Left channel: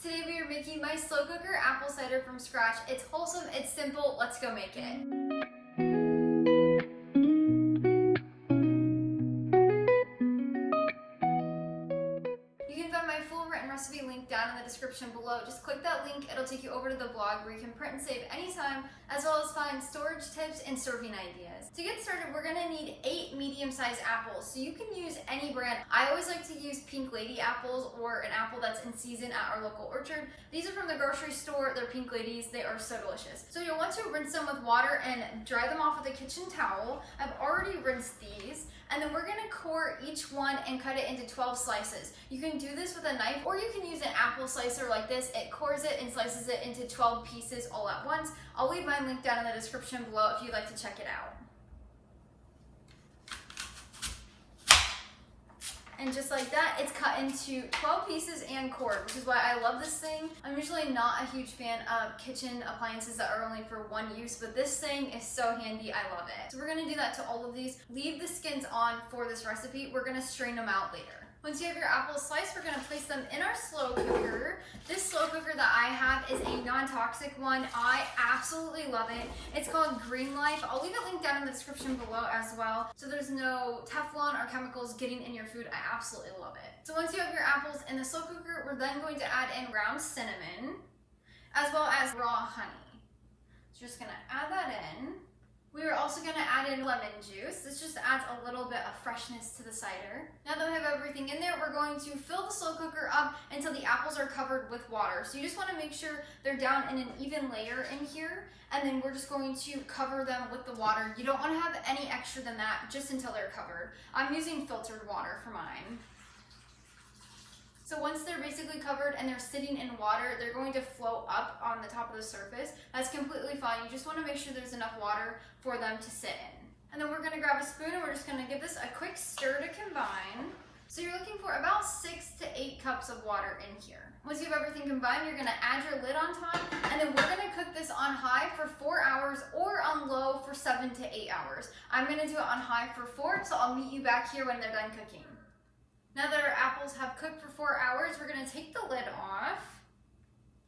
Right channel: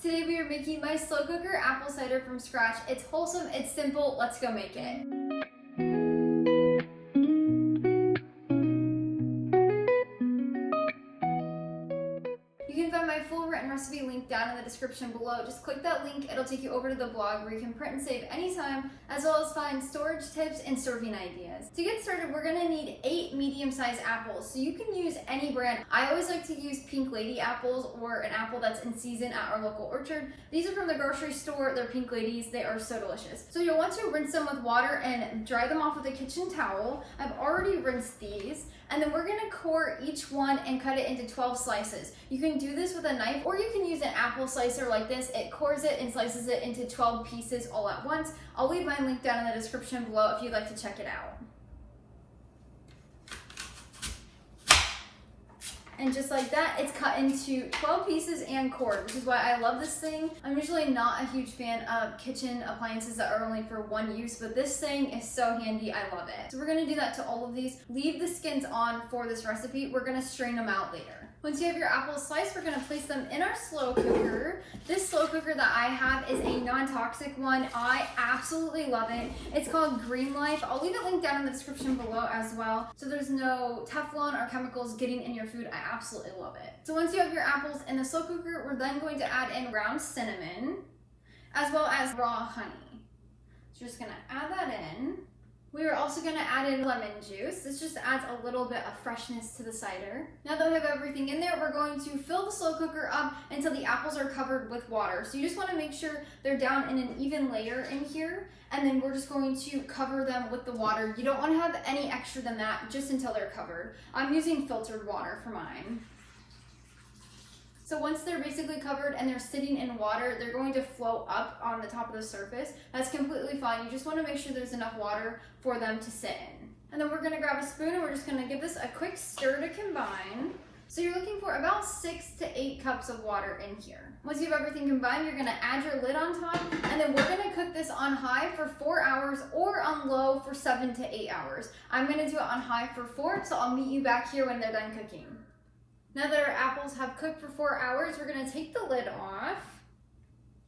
Today we are making my slow cooker apple cider from scratch. It's wholesome, it's simple, let's go make it. You can find my full written recipe link down in the description below. Just click that link, it'll take you over to the blog where you can print and save anytime, as well as find storage tips and serving ideas. To get started, we're gonna need 8 medium-sized apples. So you can use any brand. I always like to use Pink Lady apples or an apple that's in season at our local orchard. These are from the grocery store, they're Pink Ladies, they are so delicious. So you'll want to rinse them with water and dry them off with a kitchen towel. I've already rinsed these. And then we're gonna core each one and cut it into 12 slices. You can do this with a knife or you can use an apple slicer like this. It cores it and slices it into 12 pieces all at once. I'll leave my link down in the description below if you'd like to check it out. And just like that, it's cut into 12 pieces and cored, which is why I love this thing. I'm usually not a huge fan of kitchen appliances that are only for one use, but this thing is so handy, I love it. So we're gonna do that to all of these. Leave the skins on for this recipe. We're gonna strain them out later. Once you have your apples sliced, we're gonna place them in our slow cooker. This slow cooker that I have is a non-toxic one. I absolutely love it. It's called Green Life. I'll leave a link down in the description below as well. So there's no Teflon or chemicals getting in your food. I absolutely love it. So once you have your apples in the slow cooker, we're then going to add in ground cinnamon, as well as raw honey. So you're just gonna add that in. We are also gonna add in lemon juice. This just adds a little bit of freshness to the cider. Now that we have everything in there, we're going to fill the slow cooker up until the apples are covered with water. So you just wanna make sure they're down in an even layer in here, and then we're just going to cover them with the water. You don't wanna have any extra than that, just until they're covered. I'm using filtered water for mine. So once they're basically covered and they're sitting in water, they're going to float up on the top of the surface. That's completely fine. You just want to make sure there's enough water for them to sit in. And then we're going to grab a spoon and we're just going to give this a quick stir to combine. So you're looking for about 6 to 8 cups of water in here. Once you have everything combined, you're going to add your lid on top, and then we're going to cook this on high for 4 hours or on low for 7 to 8 hours. I'm going to do it on high for 4, so I'll meet you back here when they're done cooking. Now that our apples have cooked for 4 hours, we're gonna take the lid off.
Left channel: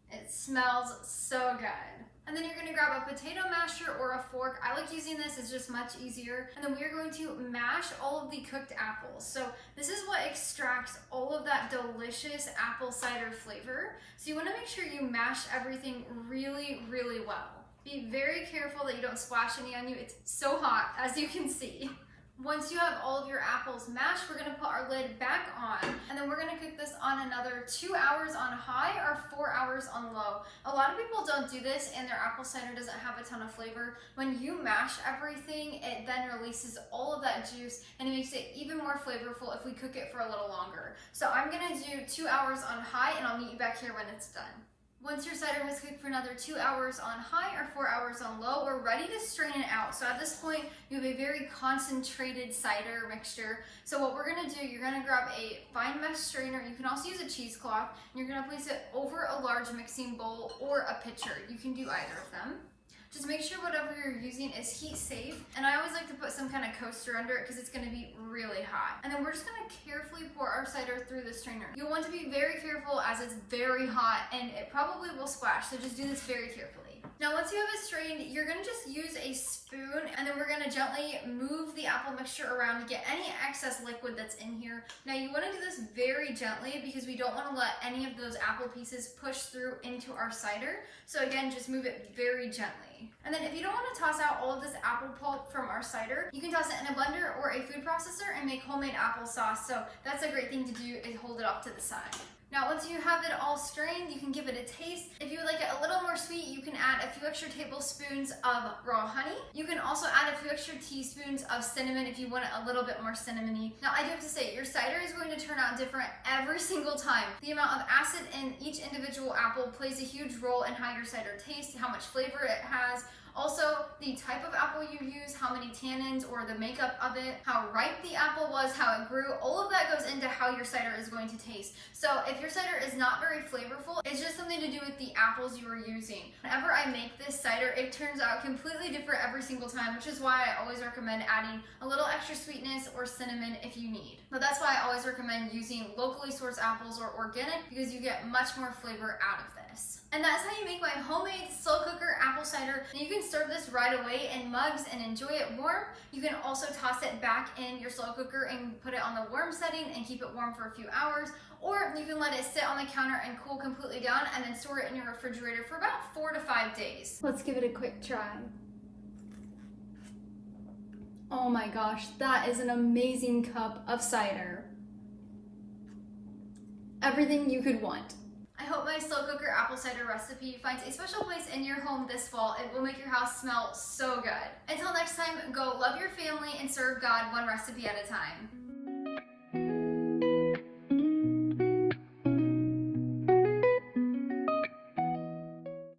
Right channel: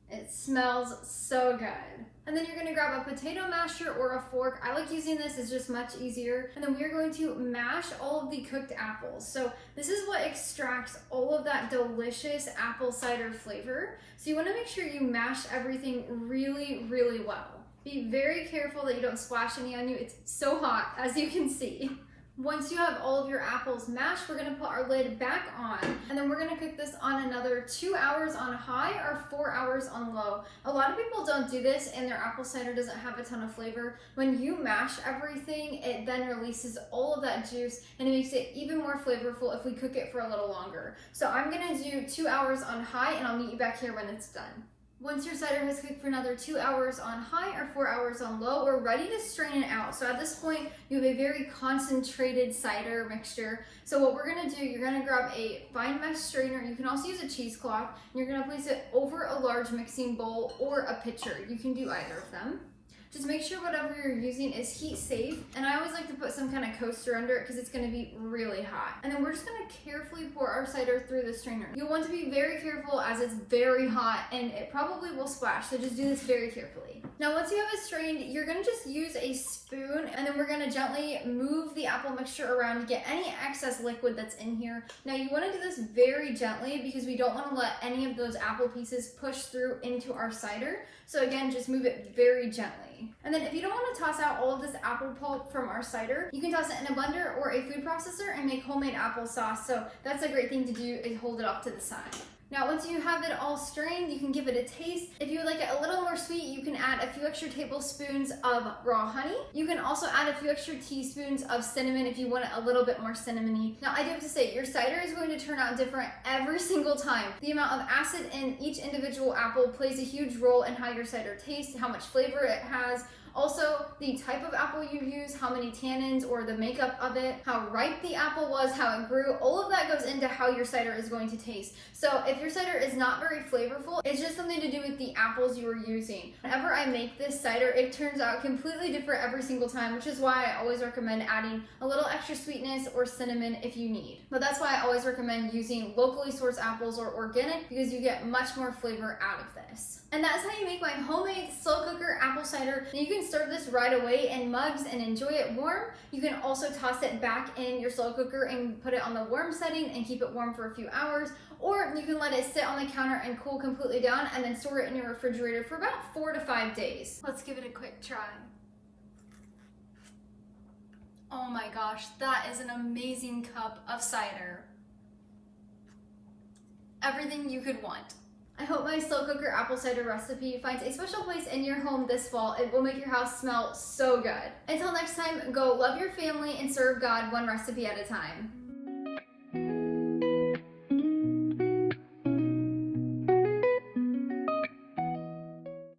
It smells so good. And then you're gonna grab a potato masher or a fork. I like using this, it's just much easier. And then we are going to mash all of the cooked apples. So this is what extracts all of that delicious apple cider flavor. So you wanna make sure you mash everything really, really well. Be very careful that you don't splash any on you. It's so hot, as you can see. Once you have all of your apples mashed, we're gonna put our lid back on, and then we're gonna cook this on another 2 hours on high or 4 hours on low. A lot of people don't do this and their apple cider doesn't have a ton of flavor. When you mash everything, it then releases all of that juice and it makes it even more flavorful if we cook it for a little longer. So I'm gonna do 2 hours on high and I'll meet you back here when it's done. Once your cider has cooked for another 2 hours on high or 4 hours on low, we're ready to strain it out. So at this point, you have a very concentrated cider mixture. So what we're gonna do, you're gonna grab a fine mesh strainer. You can also use a cheesecloth, and you're gonna place it over a large mixing bowl or a pitcher. You can do either of them. Just make sure whatever you're using is heat safe. And I always like to put some kind of coaster under it because it's gonna be really hot. And then we're just gonna carefully pour our cider through the strainer. You'll want to be very careful as it's very hot and it probably will splash, so just do this very carefully. Now once you have it strained, you're gonna just use a spoon and then we're gonna gently move the apple mixture around to get any excess liquid that's in here. Now you wanna do this very gently because we don't wanna let any of those apple pieces push through into our cider. So again, just move it very gently. And then if you don't want to toss out all of this apple pulp from our cider, you can toss it in a blender or a food processor and make homemade applesauce. So that's a great thing to do, is hold it off to the side. Now once you have it all strained, you can give it a taste. If you would like it a little more sweet, you can add a few extra tablespoons of raw honey. You can also add a few extra teaspoons of cinnamon if you want it a little bit more cinnamony. Now I do have to say, your cider is going to turn out different every single time. The amount of acid in each individual apple plays a huge role in how your cider tastes, how much flavor it has, Also, the type of apple you use, how many tannins or the makeup of it, how ripe the apple was, how it grew, all of that goes into how your cider is going to taste. So if your cider is not very flavorful, it's just something to do with the apples you are using. Whenever I make this cider, it turns out completely different every single time, which is why I always recommend adding a little extra sweetness or cinnamon if you need. But that's why I always recommend using locally sourced apples or organic, because you get much more flavor out of this. And that's how you make my homemade slow cooker apple cider. You can serve this right away in mugs and enjoy it warm. You can also toss it back in your slow cooker and put it on the warm setting and keep it warm for a few hours. Or you can let it sit on the counter and cool completely down and then store it in your refrigerator for about 4 to 5 days. Let's give it a quick try. Oh my gosh, that is an amazing cup of cider. Everything you could want. I hope my slow cooker apple cider recipe finds a special place in your home this fall. It will make your house smell so good. Until next time, go love your family and serve God one recipe at a time.